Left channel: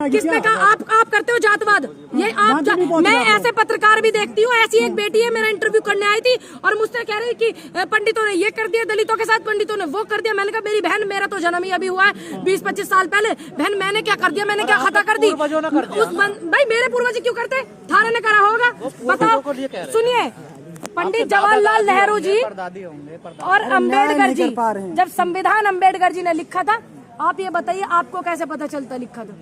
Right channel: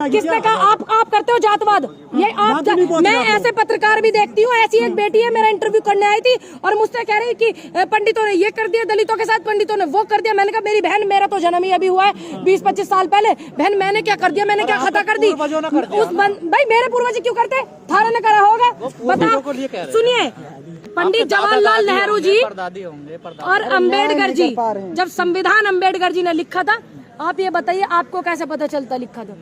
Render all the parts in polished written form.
किसने कहा आप करते हो जातवाद? ये आप मैं ऐसे पत्रकार भी देखती हूँ। ऐसी एक बेटी है, मेरा इंटरव्यू करने आई थी और मुझसे कह रही कि पंडितों ने ये कर दिया, दलितों के साथ पंडितों ने वो कर दिया। मैंने कहा मेरी बहन, मेरा तो जन्म ही अभी हुआ है 20-25 साल पहले। बहन मैंने क्या कर दिया? मैंने क्या खता कर दी? उस भाई मेरे पूर्वज क्यों करते? थारे ने करा होगा, बताओ। सुनिए, पंडित जवाहरलाल नेहरू जी और अम्बेडकर जी, जब संविधान अम्बेडकर जी ने लिखा था, आप ये बताइए आपको कैसे पता चलता लिखा था?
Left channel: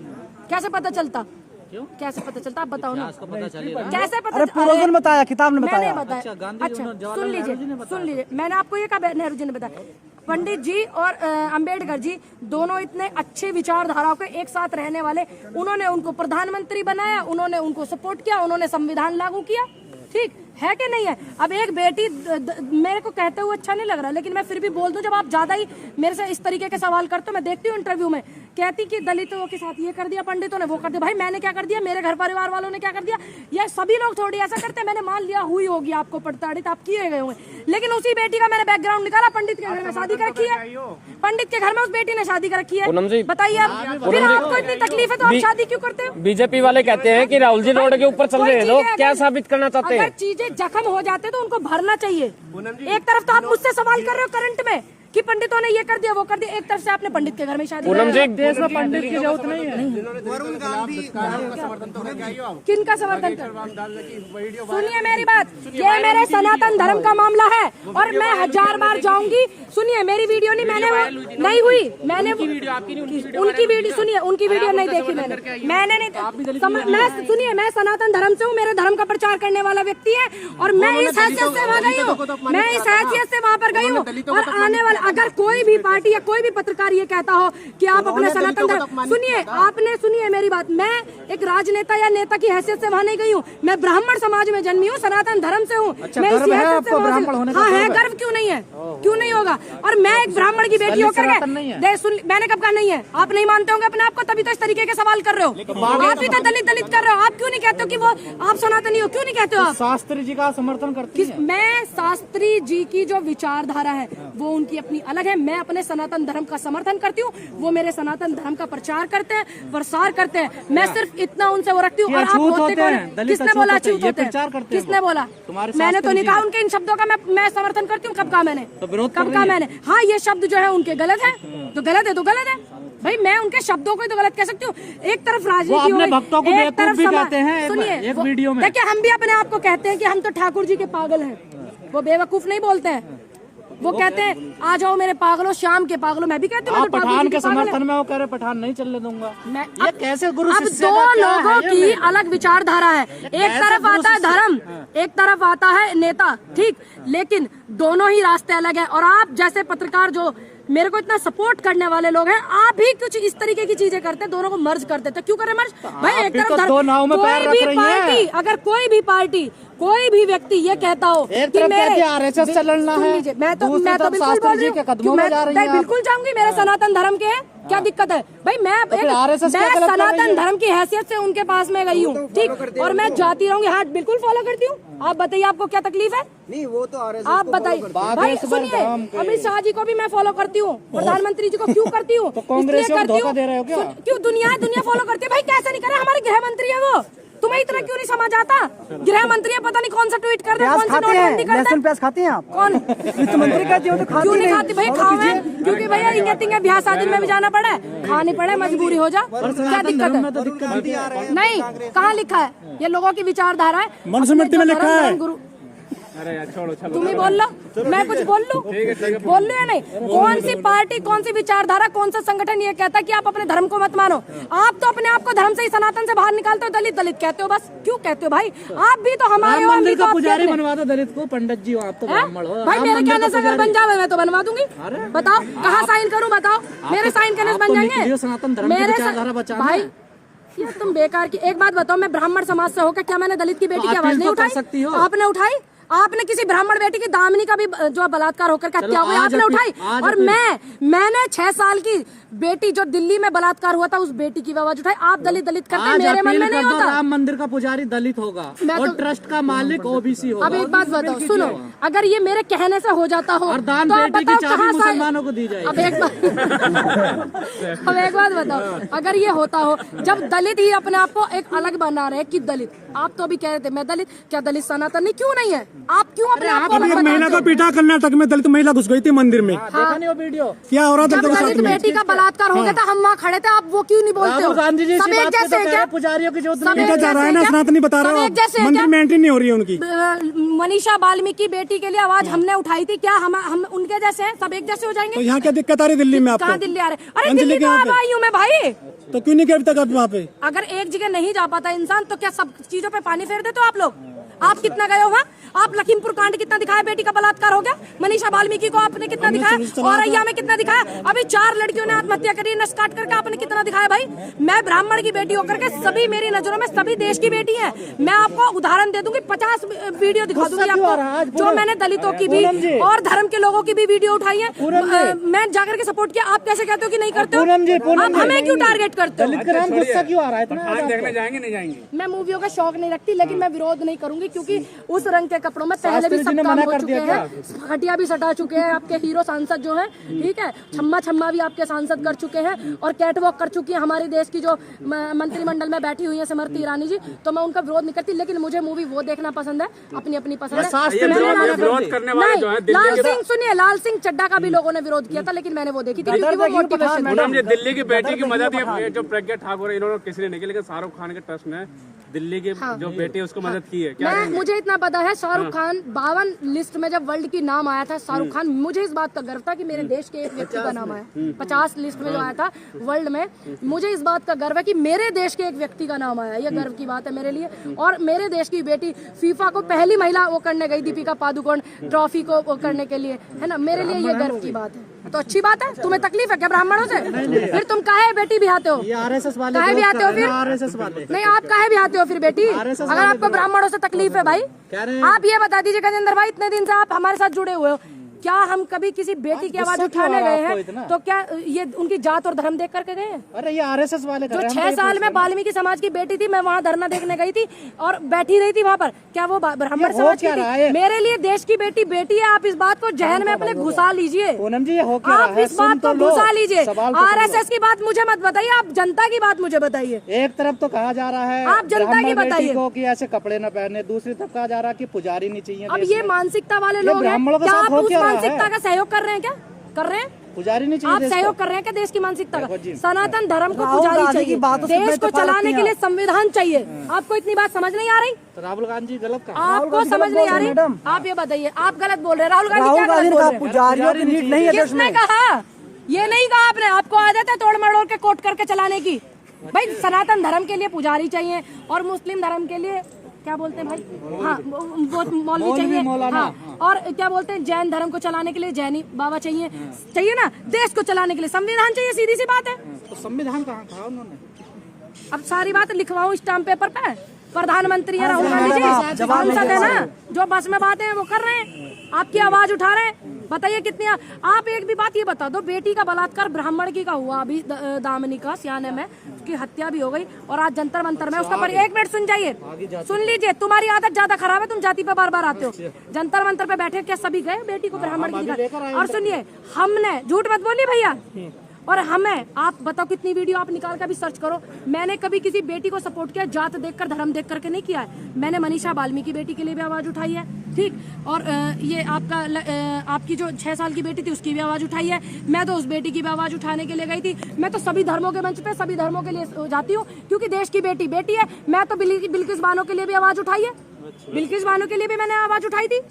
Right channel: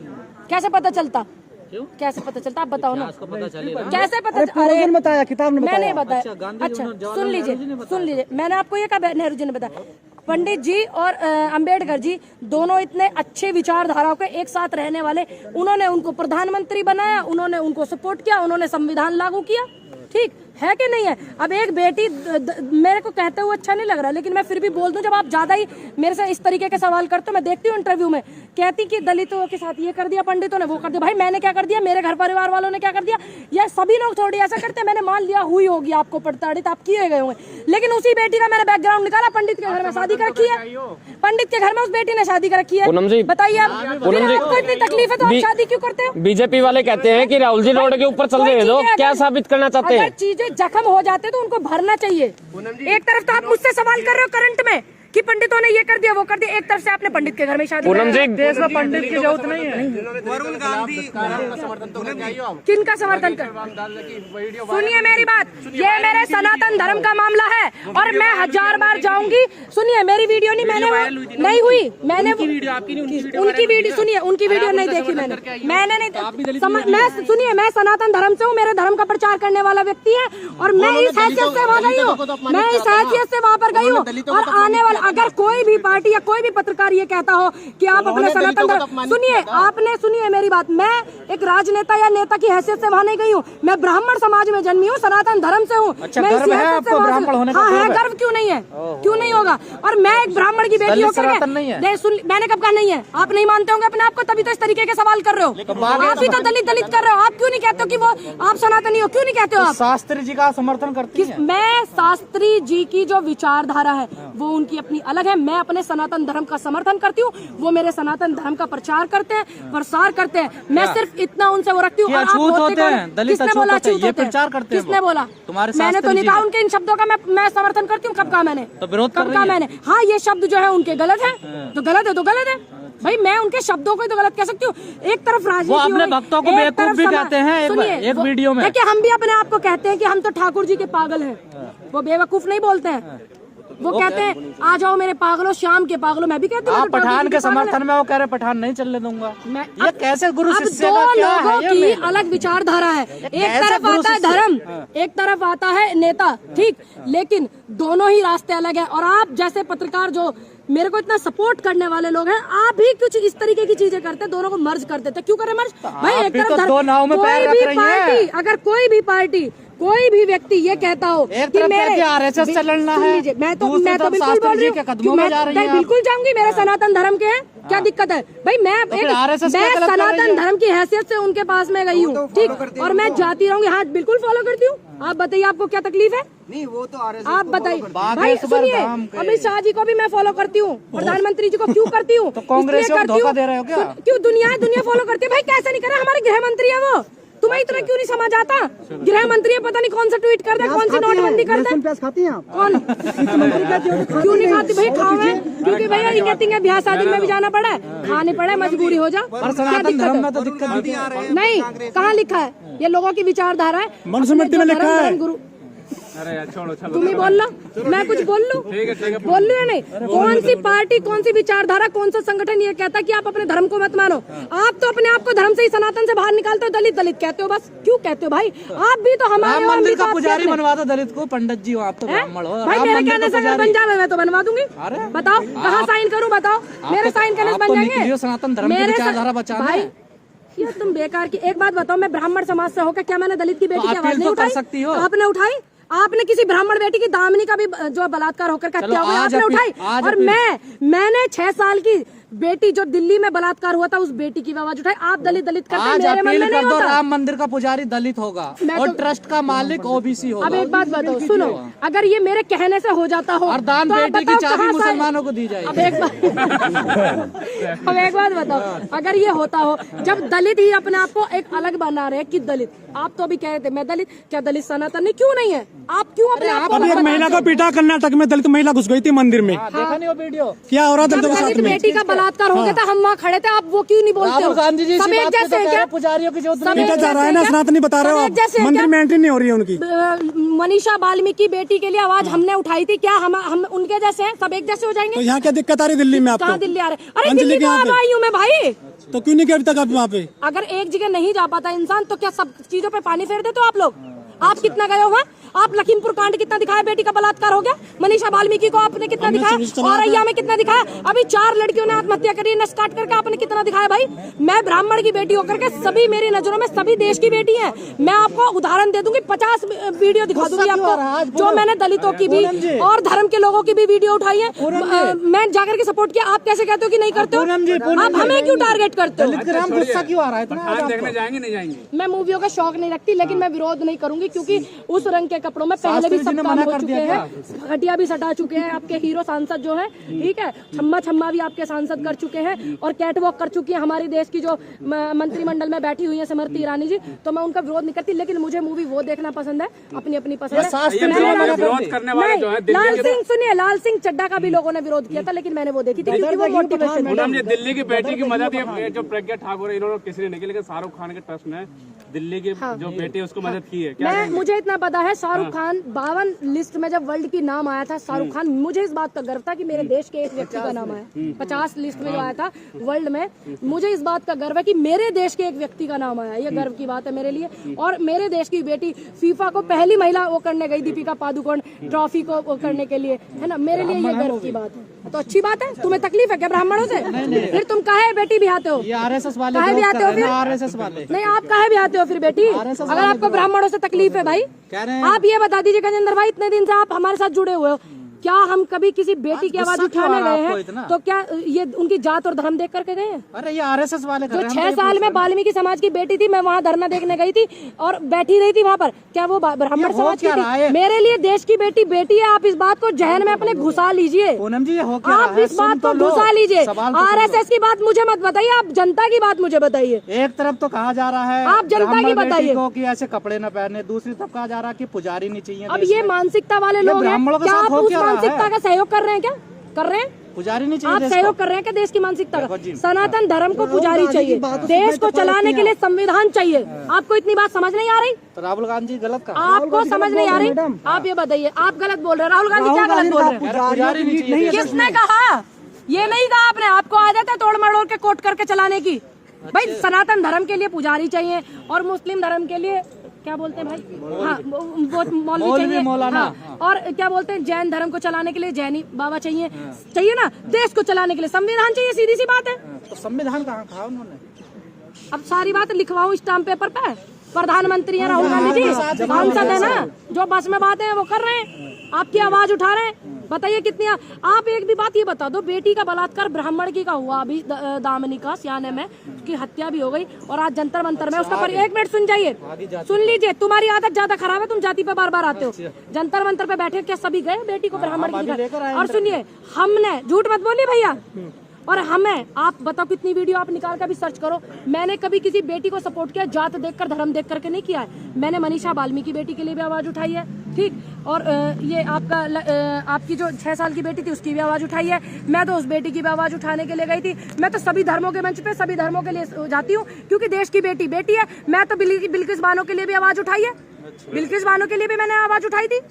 कैसे पता चलता? कैसे पता चलता? आप बताओ ना, कैसे पता? अरे बताया, किताब में मैंने बताया। अच्छा सुन लीजिए, मैंने आपको ये कहा नेहरू जी ने बताया। पंडित जी और अंबेडकर जी दोनों इतने अच्छे विचारधाराओं के एक साथ रहने वाले, उन्होंने उनको प्रधानमंत्री बनाया, उन्होंने उनको सपोर्ट किया, उन्होंने संविधान लागू किया। ठीक है कि नहीं है? अब एक बेटी मेरे को कहते हुए अच्छा नहीं लग रहा, लेकिन मैं फिर भी बोल दूं, जब आप ज्यादा ही मेरे से इस तरीके के सवाल करते हो, मैं देखती हूँ इंटरव्यू में, कहती कि दलितों के साथ ये कर दिया, पंडितों ने वो कर दिया। भाई मैंने क्या कर दिया? मेरे घर परिवार वालों ने क्या कर दिया? या सभी लोग थोड़ी ऐसा करते हैं। मैंने मान लिया हुई होगी आपको प्रताड़ित, आप किए गए होंगे, लेकिन उसी बेटी का मैंने बैकग्राउंड निकाला, पंडित के घर में शादी कर रखी है, पंडित के घर में उस बेटी ने शादी कर रखी है। बताइए आप, फिर आपको इतनी तकलीफ है तो आप शादी क्यों करते हो? बीजेपी वाले कहते हैं कि राहुल जी रोड के ऊपर चल रहे हैं, क्या साबित करना चाहते हैं? अगर चीजें जख्म हो जाते तो उनको भरना चाहिए। एक तरफ तो आप मुझसे सवाल कर रहे हो करंट में कि पंडितों ने ये कर दिया वो कर दिया, एक तरफ से आपने पंडित के घर में शादी कर दी। देश में पंडित की जरूरत नहीं है। वरुण गांधी किनका समर्थन कर? सुनिए मेरी बात, ये मेरे सनातन धर्म का मामला है और मैं 1000 बार जाऊंगी। सुनिए मेरी वीडियो नहीं हुई, मैंने उनकी वीडियो सुनिए, उनकी वीडियो नहीं देखी मैंने नहीं। सुनिए, मैं सनातन धर्म से हूँ, मेरे धर्म का प्रचार करने वाला व्यक्ति है और मैं इस हैसियत से वहाँ गई हूँ, मैं इस हैसियत से वहाँ पर गई हूँ। और आने वाला अगर कोई भी पार्टी या कोई भी पत्रकार ये कहता हो कि आप अपने सनातन धर्म, सुनिए मेरी बात, मैं एक राजनेता या नेता की हैसियत से वहाँ नहीं गई हूँ, मैं ब्राह्मण समाज में जन्मी हूँ, सनातन धर्म से हूँ। मैं इस हैसियत से वहाँ से, हाँ है, गर्व क्यों नहीं है? क्यों नहीं होगा? और मैं एक ब्राह्मण की बेटी होकर के मैंने कब कहा नहीं है? आप नहीं मानते होंगे अपने आप को, तभी तो इस तरीके के सवाल कर रहे हो। आप ही तो दलित कर रहे हो। आप क्यों नहीं कहते हो कि वो आप सनातनी हो? क्यों नहीं कहते हो आप? शास्त्री जी का समर्थन करती है। मैं शास्त्री जी की जो विचारधारा है वो उनकी अपनी अलग है, मैं अपने सनातन धर्म का समर्थन करती हूँ, वो मेरे सनातन धर्म का प्रचार करते हैं, प्रसार करते हैं। मैं सिर्फ इतना उनसे वो रखती हूँ। और आप होते कौन? किसने बोला अछूत होते हैं? किसने बोला? मैंने तो नहीं कहा उनके इन शब्दों का मैं समर्थन करती हूँ। कब कहा मैंने? कब कहा मैंने? हाँ, ये शब्द जो है उनके गलत है तो गलत है तो गलत है भाई। मैं उनके शब्दों को ही तो गलत कह सकती हूँ। एक तरफ राजनीति हो रही, एक तरफ सुनिए, देखिए हम भी अपने आप को कहते हैं कि हम तो ठाकुर जी के पागल हैं, वो बेवकूफ नहीं बोलते हैं। वो कहते हैं आ जाओ मेरे पागलों, शाम के पागलों। मैं भी कहती हूँ पठान के समर्थन में, वो कह रहे पठान नहीं चलने दूंगा मैं। ये कैसे गुरु? अब दो लोगों की अलग विचारधारा है, एक तरफ आता है धर्म, एक तरफ आता है नेता, ठीक, लेकिन दोनों ही रास्ते अलग हैं। और आप जैसे पत्रकार जो मेरे को इतना सपोर्ट करने वाले लोग हैं, आप भी कुछ इस तरीके की चीजें करते हैं, दोनों को मर्ज कर देते हैं। क्यों करें मर्ज भाई? एक तरफ कोई भी पार्टी, अगर कोई भी पार्टी, कोई भी व्यक्ति ये कहता हो कि मेरे आरएसएस चलना है, मैं तो बिल्कुल बोल रही हूँ, मैं बिल्कुल जाऊंगी, मेरे सनातन धर्म के हैं, क्या दिक्कत है भाई? मैं सनातन धर्म की हैसियत से उनके पास में गई हूँ, ठीक, और मैं जाती रहूंगी। हाँ बिल्कुल फॉलो करती हूँ। आप बताइए आपको क्या तक्लीफ है? नहीं, वो तो आप बताइए भाई। सुनिए, अमित शाह जी को भी मैं फॉलो करती हूँ, प्रधानमंत्री जी को क्यों करती हूँ? इसलिए करती हूँ क्यों दुनिया फॉलो करती है भाई। कैसे नहीं करे? हमारे गृह मंत्री है वो, तुम्हें इतना क्यों नहीं समझ आता? गृह मंत्री है, पता नहीं कौन सा ट्वीट कर दे, कौन सी नोटबंदी कर दे। प्याज खाते हैं आप? कौन? क्यों नहीं खाती भाई? खाओ, क्योंकि भैया इंगे ब्याह शादी में भी जाना पड़ा है, खाने पड़े, मजबूरी हो जा, क्या दिक्कत है? नहीं, कहाँ लिखा है? ये लोगों की विचारधारा है, मनुस्मृति में लिखा है। गुरु तुम ही बोल लो, मैं कुछ बोल लूं या नहीं? कौन सी पार्टी, कौन सी विचारधारा, कौन सा संगठन ये कहता है कि आप अपने धर्म को मत मानो? आप तो अपने आप को धर्म से ही, सनातन से बाहर निकालते हो, दलित कहते हो। बस क्यों कहते हो भाई? आप भी तो हमारे मंदिर का पुजारी बनवा दो दलित को, पंडित जी हो आप तो ब्राह्मण हो भाई। मेरे कहने से अगर बन जावे मैं तो बनवा दूंगी। बताओ कहाँ साइन करूँ? बताओ मेरे साइन करने से बन जाएंगे सनातन धर्म की विचारधारा बचा भाई। ये तुम बेकार की एक बात बताओ, मैं ब्राह्मण समाज से होकर क्या मैंने दलित की बेटी की आवाज नहीं उठाई? आपने उठाई? आपने किसी ब्राह्मण बेटी की दामिनी का भी जो बलात्कार होकर हत्या हो गई आपने उठाई? और मैंने 6 साल की बेटी जो दिल्ली में बलात्कार हुआ था उस बेटी की भी आवाज उठाई। आप दलित दलित करते हैं, मेरे मन में नहीं होता। राम मंदिर का पुजारी दलित होगा और ट्रस्ट का मालिक ओबीसी होगा। अब एक बात बताओ, सुनो, अगर ये मेरे कहने से हो जाता हो और दान तो आप बेटे की बताओ चाबी कहाँ से। मुसलमानों को दी जाएगी। अब एक बात बताओ, अगर ये होता हो, जब दलित ही अपने आप को एक अलग बना रहे हैं कि दलित, आप तो अभी कह रहे थे मैं दलित, क्या दलित सनातन नहीं क्यों नहीं है? आप क्यों अपने आप को अभी अलग एक महिला को पीटा कर्नाटक में, दलित महिला घुस गई थी मंदिर में। देखा नहीं वो वीडियो क्या हो रहा था जब दलित बेटी का बलात्कार हो गया था, हम वहाँ खड़े थे, आप वो क्यों नहीं बोलते हो? गांधी जी सब एक जैसे हैं क्या? पुजारियों की जो सब एक जा रहा है ना, जैसे सनातनी बता रहे हो सब एक जैसे आप, हैं मंदिर क्या? में एंट्री नहीं हो रही है उनकी। मनीषा वाल्मीकि बेटी के लिए आवाज हमने उठाई थी, क्या हम उनके जैसे हैं? सब एक जैसे हो तो जाएंगे? यहाँ क्या दिक्कत आ रही दिल्ली में आपको? कहाँ दिल्ली आ रहे? अरे अंजलि दिल्ली के तो यहाँ अब पे। आई हूँ मैं भाई। तो क्यों नहीं गए अभी तक आप वहाँ पे? अगर एक जगह नहीं जा पाता इंसान तो क्या सब चीजों पे पानी फेर देते हो आप लोग? आप कितना गए हो वहाँ? आप लखीमपुर कांड कितना दिखाया, बेटी का बलात्कार हो गया। मनीषा वाल्मीकि को आपने कितना दिखाया, औरैया में कितना दिखाया, अभी 4 लड़कियों ने आत्महत्या करी, नस काट करके आपने कितना दिखाया भाई। मैं ब्राह्मण की बेटी होकर के, सभी मेरी नजरों में सभी देश की बेटी है। मैं आपको उदाहरण दे दूंगी, 50 वीडियो दिखा दूंगी आपको, जो मैंने दलितों की भी और धर्म के लोगों की भी वीडियो उठाई है। मैं जाकर के सपोर्ट किया, आप कैसे कहते हो कि नहीं करते हो? आप हमें क्यों टारगेट करते हो? गुस्सा क्यों आ रहा है? देखने जाएंगे नहीं जाएंगे? मैं मूवियों का शौक नहीं रखती, लेकिन मैं विरोध नहीं करूंगी, क्योंकि उस रंग के कपड़ों में पहले भी सब काम हो चुके हैं, घटिया भी सटा चुके हैं। आपके हीरो सांसद जो है, ठीक है, छम्मा भी आपके सांसद कर चुके हैं और कैटवॉक कर चुकी है हमारे देश की जो मंत्रिमंडल में बैठी हुई है स्मृति ईरानी जी। तो मैं उनका विरोध नहीं करती, लेकिन मुझे मूवी वो देखना पसंद है, अपनी अपनी पसंद है। मैंने लाल सिंह सुनिए, लाल सिंह चड्ढा का भी लोगों ने विरोध किया था, लेकिन मैंने वो देखी थी क्योंकि वो मोटिवेशन था। दिल्ली की बेटी की मदद, ये जो प्रज्ञा ठाकुर है, इन्होंने किसी ने नहीं की, लेकिन शाहरुख खान के ट्रस्ट में दिल्ली की जो बेटी है उसको मदद की है। मुझे इतना पता है, शाहरुख खान 52 लिस्ट में जब वर्ल्ड की नाम आया था, शाहरुख खान, मुझे इस बात का गर्व था कि मेरे देश के एक व्यक्ति का नाम आया। 50 लिस्ट में जो आया था वर्ल्ड में, मुझे इस बात का गर्व है कि मेरे देश के एक व्यक्ति का नाम आया। ये गर्व की बात है मेरे लिए। और मेरे देश की बेटी फीफा को पहली महिला वो करने गई, दीपिका पादुकोण, ट्रॉफी को वो करने के लिए, है ना। मेरे लिए ये गर्व की बात है। तो अच्छी बात है। तुम्हें तकलीफ है क्या ब्राह्मणों से? फिर तुम काहे बेटी भी आते हो? आरएसएस वाले काहे भी आते हो फिर? आरएसएस वाले नहीं, आप काहे भी आते हो फिर बेटी? अगर आपको ब्राह्मणों से तकलीफ है भाई, आप ये बता दीजिए गजेंद्र भाई, इतने दिन से आप हमारे साथ जुड़े हुए हो, क्या हम कभी किसी बेटी की आवाज उठाने गए हैं तो क्या ये उनकी जात और धर्म देख करके गए हैं? अरे ये आरएसएस वाले जो 6 साल में वाल्मीकि समाज की बेटी थी, मैं वहाँ धरना देखने गई थी और बैठी रही थी वहाँ पर, क्या वो ब्राह्मण समाज की थी? मेरे लिए देश की बेटी बेटी है। आप इस बात को जहन में अपने घुसा लीजिए, आप इस बात को घुसा लीजिए। आरएसएस की बात मुझे मत बताइए, आप जनता की बात मुझे बताइए। एक तरफ तो कहा जा रहा है आप जनता की बताइए कि ऐसे कपड़े न पहने, दूसरी तरफ कहा जा रहा है कि पुजारी नहीं चाहिए। अब ये मानसिकता वाले लोग हैं, क्या आप उस मानसिकता का सहयोग कर रहे हैं? क्या कर रहे हैं? पुजारी नहीं आप सहयोग कर रहे हैं क्या देश की मानसिकता का? सनातन धर्म को पुजारी चाहिए, देश को चलाने के लिए संविधान चाहिए। आपको इतनी बात समझ नहीं आ रही? राहुल गांधी गलत कहा। आपको समझ नहीं आ रही? आप ये बताइए, आप गलत बोल रहे हैं। राहुल गांधी क्या गलत बोल रहे हैं? किसने कहा? ये नहीं कहा आपने। आपको आदत है तोड़ मड़ोड़ के कोट करके चलाने की। भाई सनातन धर्म के लिए पुजारी चाहिए और मुस्लिम धर्म के लिए क्या बोलते हैं भाई, हाँ वो मौलवी चाहिए, हाँ, और क्या बोलते हैं जैन धर्म को चलाने के लिए जैनी बाबा चाहिए, चाहिए ना। देश को चलाने के लिए संविधान चाहिए, सीधी सी बात है। तो संविधान कहाँ कहा उन्होंने? अब सारी बात लिखवाऊं स्टाम्प पेपर पे? प्रधानमंत्री है राहुल गांधी जी, सांसद है ना, जो बस में बातें हैं वो कर रहे हैं, आपकी आवाज उठा रहे हैं। बताइए कितनी आप एक भी बात ये बता दो, बेटी का बलात्कार ब्राह्मण की का हुआ अभी दामिनी का सियाने में, उसकी हत्या भी हो गई और आज जंतर मंतर में उसका पर 1 मिनट सुन जाइए, सुन लीजिए। तुम्हारी आदत ज्यादा खराब है, तुम जाति पे बार बार आते हो। जंतर मंतर पे बैठे क्या सभी गए बेटी को ब्राह्मण की दिखा? और सुनिए, हमने झूठ मत बोलिए भैया, और हमें आप बताओ कितनी वीडियो आप निकाल कर भी सर्च करो, मैंने कभी किसी बेटी को सपोर्ट किया जात देखकर धर्म देख करके नहीं किया है। मैंने मनीषा वाल्मीकि बेटी के लिए भी आवाज उठाई है, ठीक, और ये आपकी जो 6 साल की बेटी थी उसकी भी आवाज उठाई है। मैं तो उस बेटी की भी आवाज उठाने के लिए गई थी। मैं तो सभी धर्मों के मंच पे सभी धर्मों के लिए जाती हूँ, क्योंकि देश की बेटी बेटी है। मैं तो बिल्किस बानो के लिए भी आवाज उठाई है, बिल्किस बानो के लिए भी मैंने आवाज उठाई थी।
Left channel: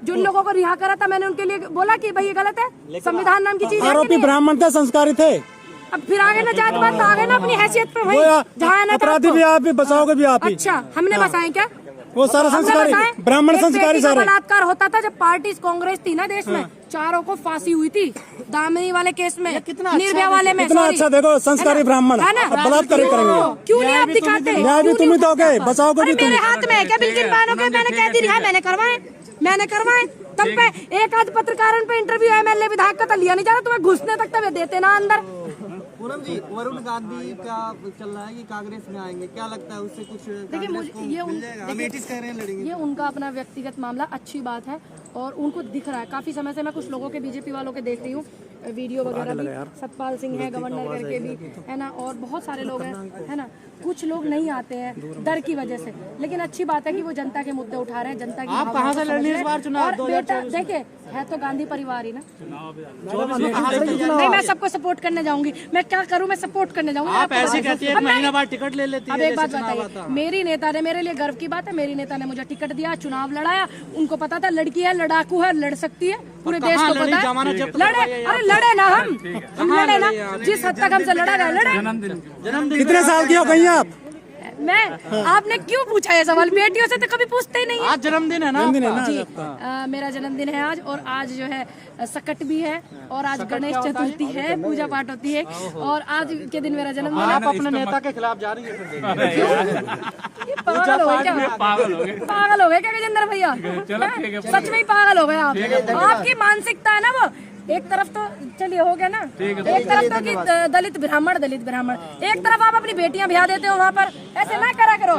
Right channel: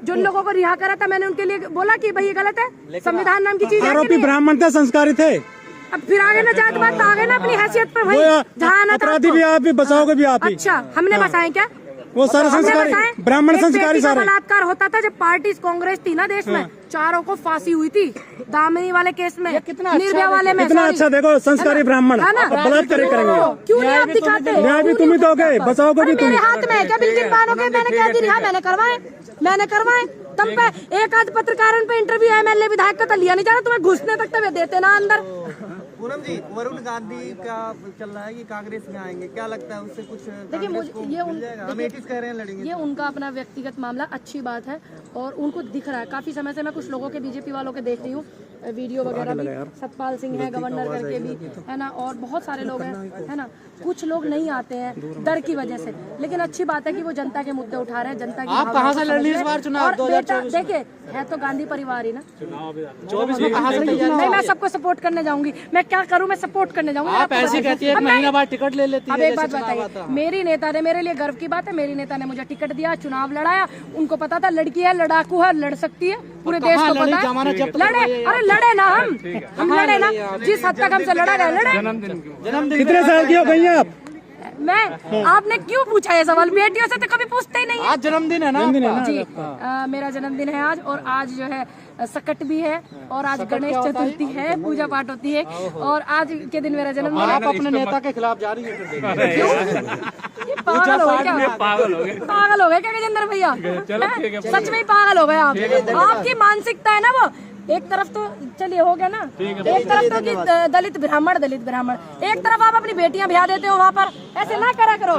जिन लोगों को रिहा करा था मैंने उनके लिए बोला कि भाई ये गलत है, संविधान नाम की चीज है। आरोपी ब्राह्मण थे, संस्कारी थे। अब फिर आगे ना जात बात, आगे ना अपनी हैसियत पे भाई, जहाँ ना अपराधी भी आप ही, बचाओगे भी आप ही। अच्छा, हमने बसाए क्या? वो सारे संस्कारी ब्राह्मण संस्कारी सारे। बलात्कार होता था जब पार्टी कांग्रेस थी ना देश में, चारों को फांसी हुई थी दामिनी वाले केस में, निर्भया वाले में। कितना अच्छा देखो संस्कारी ब्राह्मण बलात्कार करेंगे, क्यों नहीं आप दिखाते? न्याय भी तुम ही दोगे, बचाओगे भी तुम। मेरे हाथ में है क्या बिल्किस बानो के? मैंने कह दी रिहा, मैंने करवाए। तब पे एक आध पत्रकारों पे इंटरव्यू एमएलए विधायक का तो लिया नहीं जा रहा, तुम्हें घुसने तक तो देते ना अंदर। पूनम जी, वरुण गांधी का चल रहा है कि कांग्रेस में आएंगे, क्या लगता है उससे कुछ देखिए मुझे ये अमेठीज कह रहे हैं लड़ेंगे? ये उनका अपना व्यक्तिगत मामला, अच्छी बात है और उनको दिख रहा है। काफी समय से मैं कुछ लोगों के बीजेपी वालों के देख रही हूँ वीडियो वगैरह भी, सतपाल सिंह है गवर्नर करके भी है ना, और बहुत सारे लोग हैं है ना। कुछ लोग नहीं आते हैं डर की वजह से, लेकिन अच्छी बात है कि वो जनता के मुद्दे उठा रहे हैं, जनता की भावनाओं को समझ रहे हैं। और बेटा देखिए है तो गांधी परिवार ही ना, नहीं मैं सबको सपोर्ट करने जाऊंगी, मैं क्या करूं, मैं सपोर्ट करने जाऊंगी। आप ऐसे कहती है, एक महीना बाद टिकट ले लेती है। अब एक बात बताइए, मेरी नेता ने, मेरे लिए गर्व की बात है, मेरी नेता ने मुझे टिकट दिया, चुनाव लड़ाया, उनको पता था लड़की है, लड़ाकू है, लड़ सकती है, पूरे देश को पता है, लड़े। अरे लड़े ना हम लड़े ना, जिस हद तक हमसे लड़ा गया लड़े। कितने साल की हो गई आप? मैं आपने क्यों पूछा ये सवाल, बेटियों से तो कभी पूछते ही नहीं है। आज जन्मदिन है ना? जी मेरा जन्मदिन है आज, और आज जो है सकट भी है, और आज गणेश चतुर्थी है, पूजा पाठ होती है, और आज के दिन मेरा जन्मदिन है। आप अपने नेता के खिलाफ जा रही है? क्यों? ये पागल हो गए क्या? पागल हो गए क्या गजेंद्र भैया? सच में ही पागल हो गए आप। आपकी मानसिकता है ना वो, एक तरफ तो चलिए हो गया ना, एक तरफ तो कि दलित ब्राह्मण, एक तरफ आप अपनी बेटियां ब्याह देते हो वहाँ पर, ऐसे ना करा करो।